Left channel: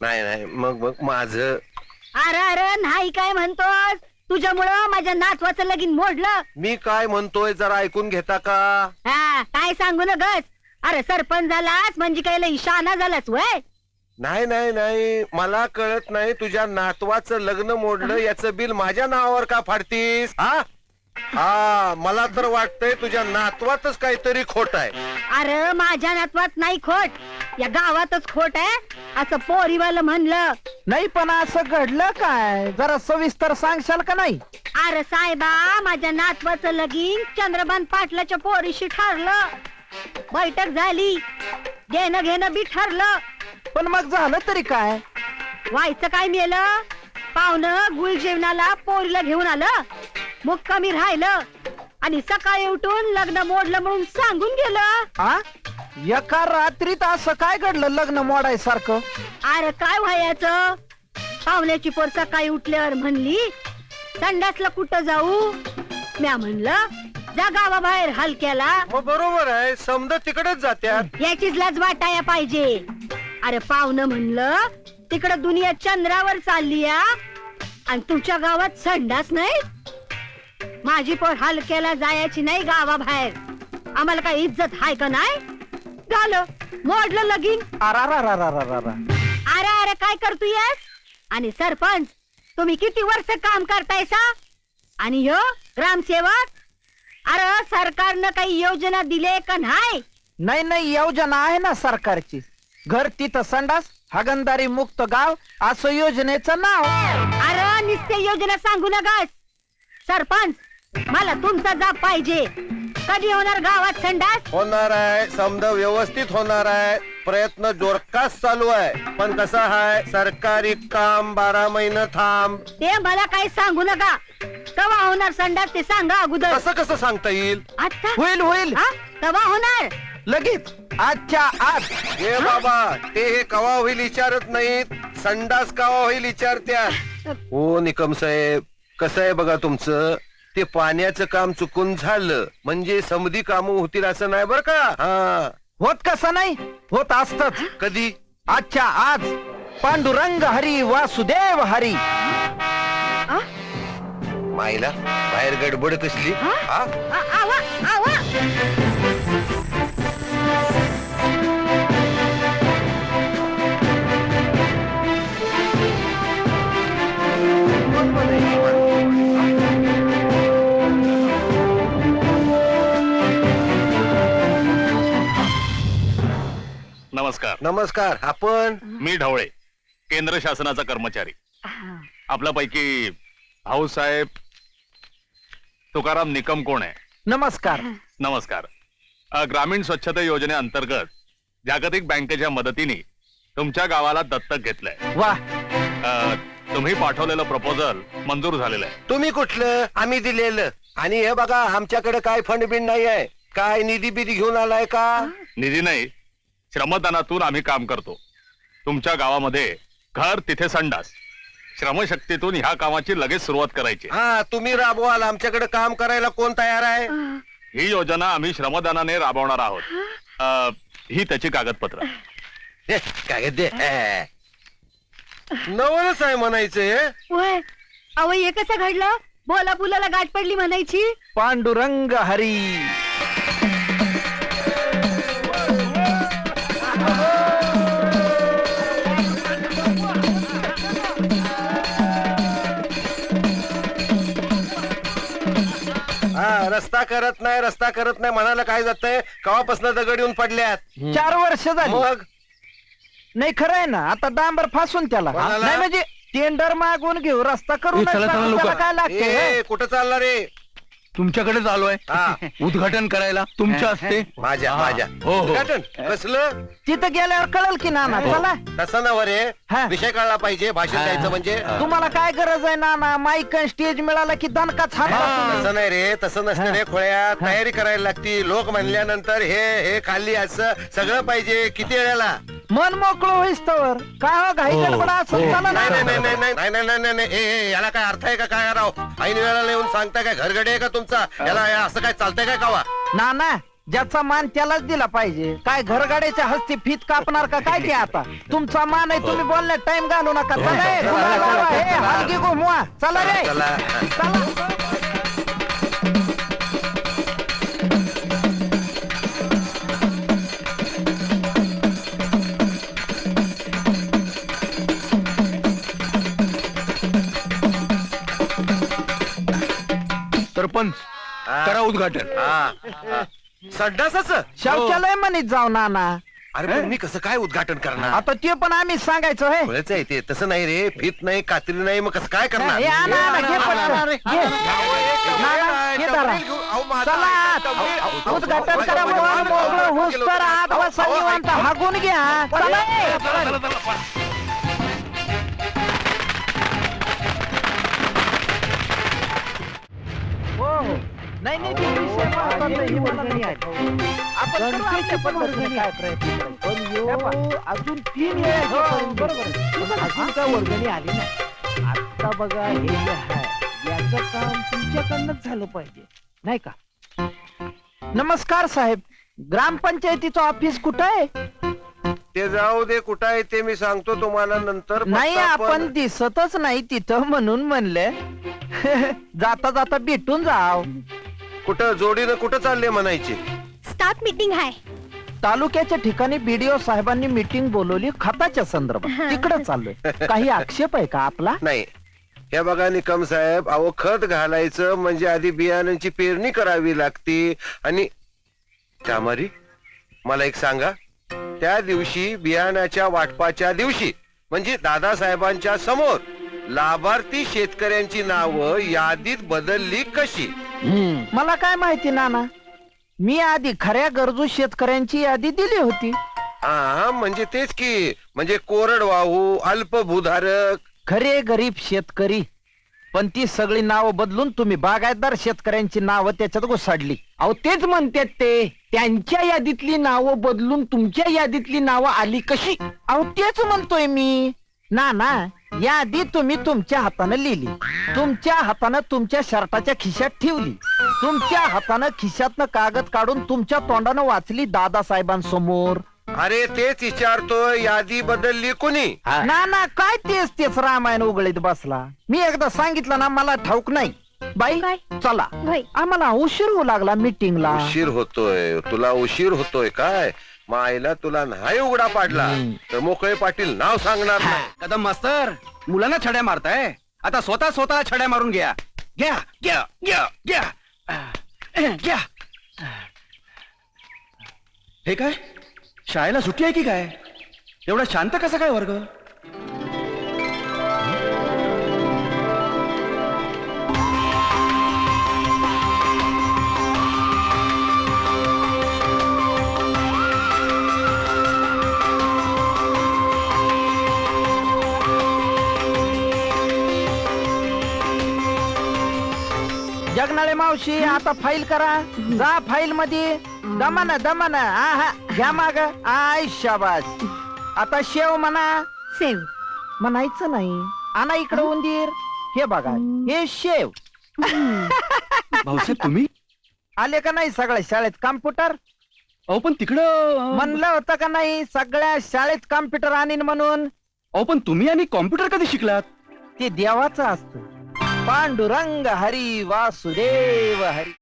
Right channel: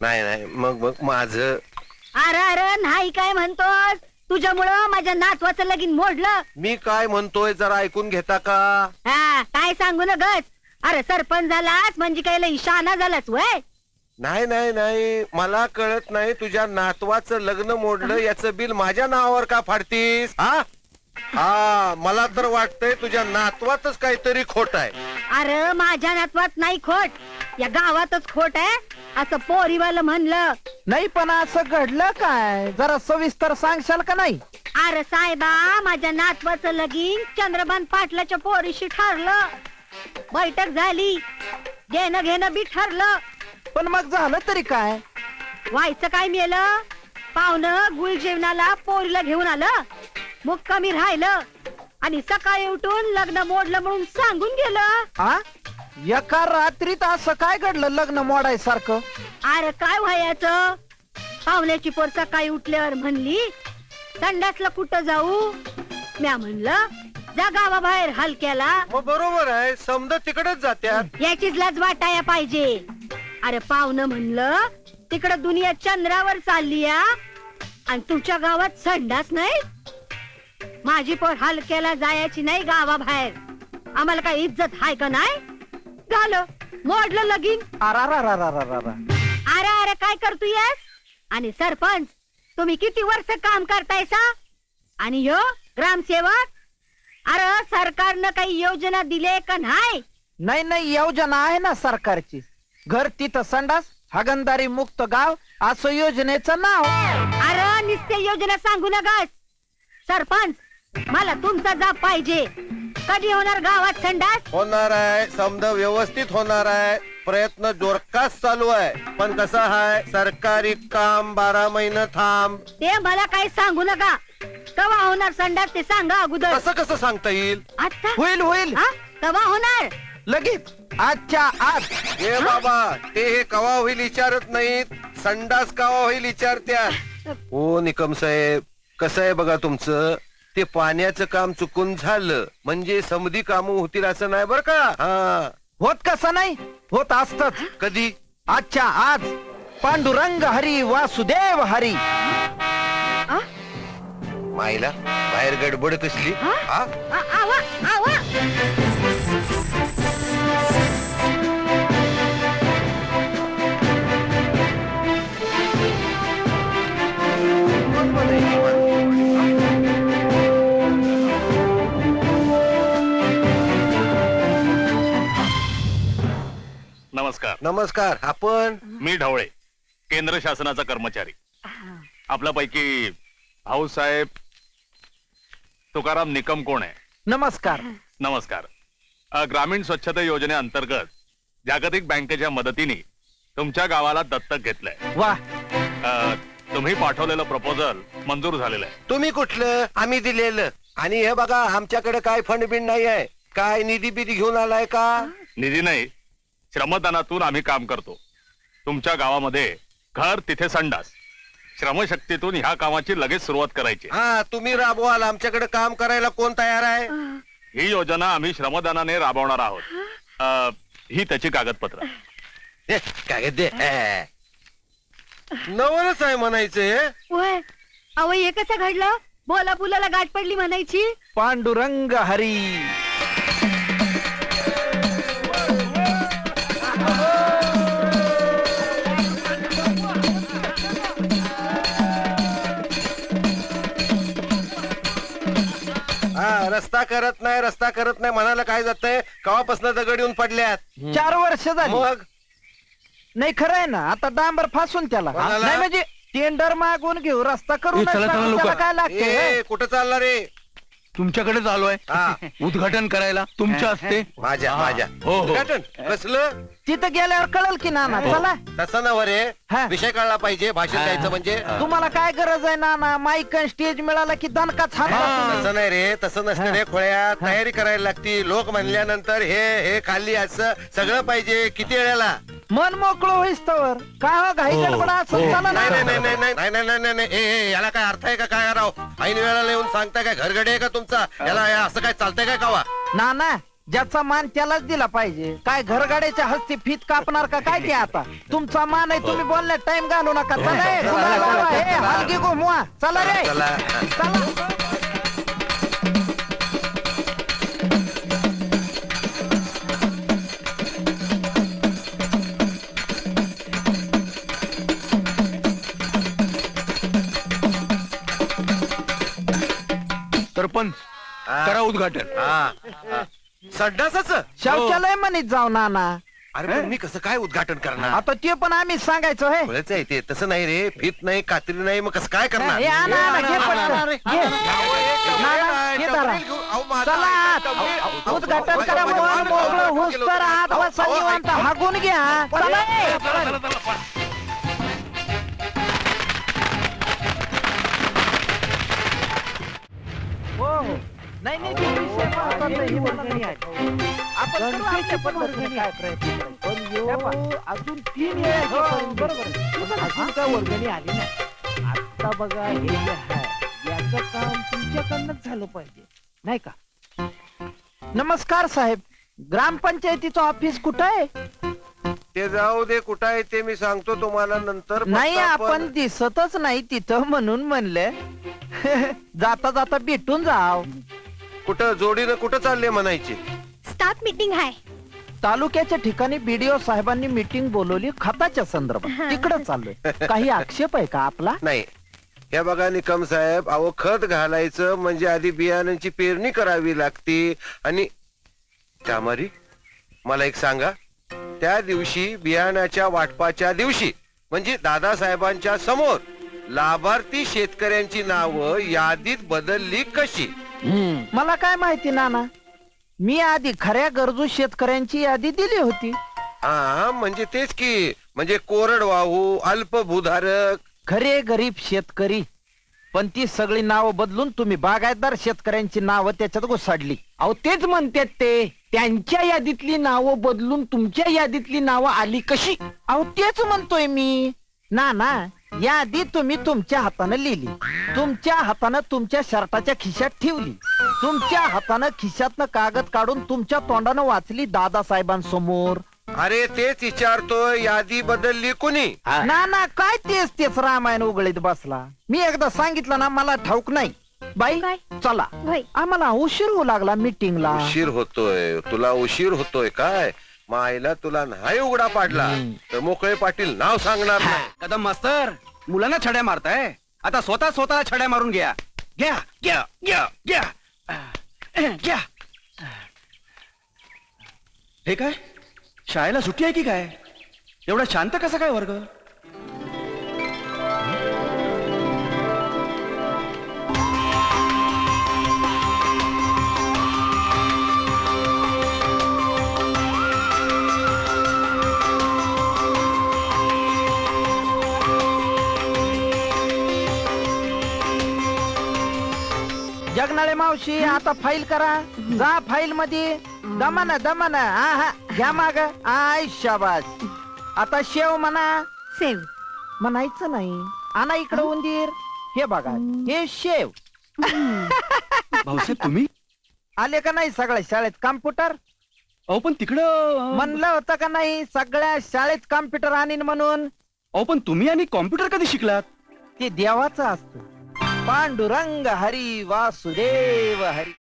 नाही नाही मग मग माझं अरे अरे नाही काय म्हणतोस? तुझ्यामुळं माझ्या नातवाचं लगीन मोडलं. मी काय म्हणतोय जरा ऐकून घेता का? हा काय सांगू न गच. अरे सरपंच झालास म्हणजे काय लई शहाणा झालास वय? नाही नाही नाही मला कळत नाही तुझ्या नातवाचं लग्न मोडलं याचं बिल माझ्या नावावर का फाडतीस? हा हा मला तर वाटतंय तुझ्या नातवातच काहीतरी खोट आहे. अरे माझ्या नातवात नाही खोट, या गावातच खोट आहे असं पोरीवालं म्हणलं. नाही पण असं घडलं काय, जरा सविस्तर सांगशाल का नाही? अरे साहेबा माझ्या नातवाचं लगीन चंद्रभान पाटलाच्या पोरीशी ठरलं. बैठक झाली, घेणं घेणं बी ठरलं. पण मग झालं तरी काय? व्हायचं काय मेलं? पाहुणं गुळ जेवणाला पोरीला घेऊन आलं, मुक्कामी राहिलं आणि सकाळी उठून लग्न मोडलं म्हणून सांगून गेलं. हा एका रात्रीत असं काय घडलं लग्न मोडायसारखं? अरे काय व्हायचं? पाहुण्याची पोर सकाळी उठल्यावर म्हणली संडासला कुठं जाऊ? म्या म्हणलं जा गावाबाहेर हलक्याला. हो बरोबर आहे, समजा तिकडेच जात्यात. याचीच लाज वाटाया पाहिजे. अरे पाहुणं म्हणलं तिकडं दुनिया चंद्रावर चालली आणि तुमच्या गावात संडास नाही. माझी पोर हलक्याला जायची नाही गावाबाहेर. आम्हाला काय इज्जत हाय का नाही? झालं मोडलं लगीन. अरारारारारारा. अरे अरे काय करतोयस? आणि सरपंच तुम्ही किती वर्ष काम करतायसा? आणि यो ग्रामसेवक, अरे सरकारनं काही योजना दिले का नाही? नाही नाही योजना आहे ना सरकारची. घर तिथं संडास, हागणदारी मुक्त गाव असं योजनेचं नाव. अरे नुसते योजना सांगू नका. सरपंच मला तुमचा जाब पाहिजे. कधी होणार गावात संडास? होणार आहे, समजा व्यवस्थित होणार आहे. प्रयत्न जोरकास चालू आहे. पण कसं आहे, सरकारी काम 12 महिने थांब. ते मला काही सांगू नका. केव्हा होणार संडास ते सांगा अगोदर. कसं कसं सांगता येईल? आता होईल होईल हा केव्हा होणार? लगेच आजच्या आज. हे बाबा ते हे कवा होईल विचारत नाहीत, संडास कवा होईल विचारत्यात. हो निकम साहेब, कसं आहे बघा तुमचं, ते पाण्याचं काम चुकून झालं म्हणजे समधी कामं होतील असं नाही बर का. हा होत कसं नाही, होत असतच. कधी? आजच्या आज. पांडुरंग हरी वासुदेव हरी. माईला बाहेर गडबड कसली? हा आवा आवा. नमस्कार. नमस्कार. आपण? मी ढवळे, केंद्र शासनाचा कर्मचारी. आपल्यापैकी भाऊसाहेब तुकाराम निकम कोण आहे? नमस्कार. नमस्कार. ग्रामीण स्वच्छता योजनेअंतर्गत जागतिक बँकेच्या मदतीने तुमच्या गावाला दत्तक घेतलंय. वा. तुम्ही पाठवलेलं प्रपोजल मंजूर झालेलं आहे. तुम्ही कुठलं? आम्ही दिलेलं. आणि हे बघा आमच्याकडे काय फंड बिंड नाही आहे. काय निधी बिधी घेऊन आलाय का? निधी नाही, श्रमदानातून आम्ही काम करतो. तुमच्या गावामध्ये घर तिथे संडास, श्रमशक्तीतून ह्या कामाची लगेच सुरुवात करायची. हा तुम्ही राबवाल. आमच्याकडे काम करायला कोण तयार आहे? ही योजना आम्ही श्रमदानाने राबवणार आहोत. ही त्याची कागदपत्र. हे, काय दे नवलच आहे म्हणायचं. होय अहो हे कसं घडलं? बोला बुलाला गाठ पडली म्हणायची. पांडुरंग हरी. रस्ता करत नाही, रस्ता करत नाही म्हणाला काय जातंय? कवापासून दगड येऊन पडल्यात. 4 वर्ष झाली. मग नाही खरं आहे ना, आता डांबर फासून त्याला. कोणाला? नाही म्हणजे टेंडर मागून घेऊ, रस्ता करू. चला, चला, लोकं. त्याला काय लागते? ए, कुठं चालला रे? तुमच्याकडे आलोय हा. उद्घाटन करायला तुमच्या हस्ते. माझ्या हा. माझ्या हो, हो. उद्घाटन? कसलं? तिथं गेल्यावर कळल की नाना. चला. तसं नव रे. हा. विषय कळला पाहिजे. भाषण द्यायचं म्हणजे. तुम्हाला काय गरज आहे नाना? माईक स्टेज मिळाला की दणकाच हात. तसं नाही रे, तसं नसतं रे खोळ्या. तयारी करायला लागती. लोक म्हणल्यानंतर हे खाल्ली असं सगळं पाहिजे. किती वेळेला? मन मोकळं होईस तर काय घाई गडबड असं चालणार नाही नाही नाही. नाही नाही नाही नाही नाही नाही ए याला काय अर्थ आहे का काय राव? ऐन वेळेला येऊन सांगता काय घरगडे आहे का तुमचा? याला असं काय चालतंय काय कावा? नाना ज्याचा मान त्यालाच दिला पाहिजे. काय घरगाड्याच्या हस्ती फीत कापणार का काय ते आता? तुमचा मान आहे, तुम्ही बोलण्यात टाइम घालू नका. चला रे, हलकी घुमवा. चला रे, चला. चला. सरपंच करा उद्घाटन. हा. संडासाचं शौचालय म्हणत जाऊ नाना. अरे पण मी कसं काय उद्घाटन करणार? आता ते पण आम्ही सांगायचं होय. कळच आहे ते. तसं नाही रे, फीत नाही, कात्री नाही, मग कसं काय करणार? हे आणा, आणा, घे पटकन. घे. नाना, घे जरा. चला, उद्घाटन करा. मोकळं होऊस तर आत बसा निवांत. हाकून घ्या. चला रे. हो, हो. नाही नाही, ते विषय महत्त्वाचा आहे. हे वर्गणी आहे. आपण आमच्या पद्धतीने काय प्रयत्न करायचे. अजून 3 वेळा बरोबर अजून काय वर्गणी आली नाही. आता बघा हे जे आहे याचं काम तुमच्याकडनंच झालं पाहिजे नाही का? नमस्कार साहेब, ग्रामपंचायतीचं ऑफिस कुठं आहे? ते जाऊ दे, कुठं आहे ते मी सांगतो तुम्हाला नंतर. नाही, फक्त आपण दिसतच नाही तिथं म्हणून म्हणलं जाता जाता भेटून जाव. कुठं जोडीनं कुठं चालले म्हणायचे? स्टाफ मीटिंग आहे. तालुक्याच्या ठिकाणी बीडीओ साहेबांनी मीटिंग बोलवली खताच्या संदर्भात. तिकडे चाललोय. काही आक्षेप आहे का आपला? नाही. हे बघा निकम साहेब, अहो खत घालायचं म्हणजे आधी बियाणांची पेरणी करावी लागते. आणि त्यामारी मला एक सांगा, त्या दिवशी बियाणाच्या वाटपाच्या दिवशी म्हणजे दादासाहेबांच्या समोर लाभार्थी शेतकऱ्यांची नावं यादीत बदलली कशी? मला काय माहिती नाना. मी आधी खऱ्या गरजू शेतकऱ्यांची यादी दिली होती. हा, म्हणजे तेच की, म्हणजे कोरडवाहू, अल्पभूधारक. खरे गरीब शेतकरी. पण ती सगळी नावं बदलून तुम्ही बागायतदार शेतकऱ्यांची नावं त्याच्यात घुसाडली. अहो तेच म्हणते ते, त्यांच्या यादीतली नावं बदलून तुमच्या यादीतली नावं आली कशी? अहो तेच म्हणतोय मी. ना यादी तुम्ही तुमच्या हातानं लिहिली, तुमच्या हातानं तुमच्या शर्टाच्या खिशात ठेवली, तुमच्या हातानं खिशातनं कागद काढून तुमच्या तोंडानं वाचली दादासाहेबांसमोर. अरे तेच विचारतोय, यादी बदलली कोणी? ना काय तेच रामायण उघडीत बसला. मी एकदा सांगितलं ना, मला ठाऊक नाही. बाई काय? चला, होय. आम्हाला उशीर होऊ लागला मीटिंगला. उशीर होतोय? तुला उशीर होतोय काय? मायला तुला नाही उघडा पाडला तर मोकळे पाटील नाव सांगणार नाही. कदम मास्तर, मुलांना छड्या मारताय, आता स्वतःला छड्या मारून घ्या. घ्या घ्या घ्या घ्या घ्या. हे काय, शाळेला सुट्टी आहे की काय? एवढा शांत कसा काय वर्ग? जगनाळे मावशी, आता फाईल करा. जा फाईल मध्ये. दमन हा घ्या माग. आय शाबास. आता शेव म्हणा. सेव. म्हणायचं नाही. आणा इकडे उंदीर. हे बघा, हे शेव. भाऊसाहेब तुम्ही? आले का नाही सगळ्या शाळेत कॉम्प्युटर? अहो पण तिकडं. म्हणलं होतं का नाही सगळ्या शाळेत कॉम्प्युटर आणीन म्हणून? अहो पण तुम्ही आणि कॉम्प्युटर कधी शिकलात? ते देवाचं असतं. पांडुरंग हरी वासुदेव हरी.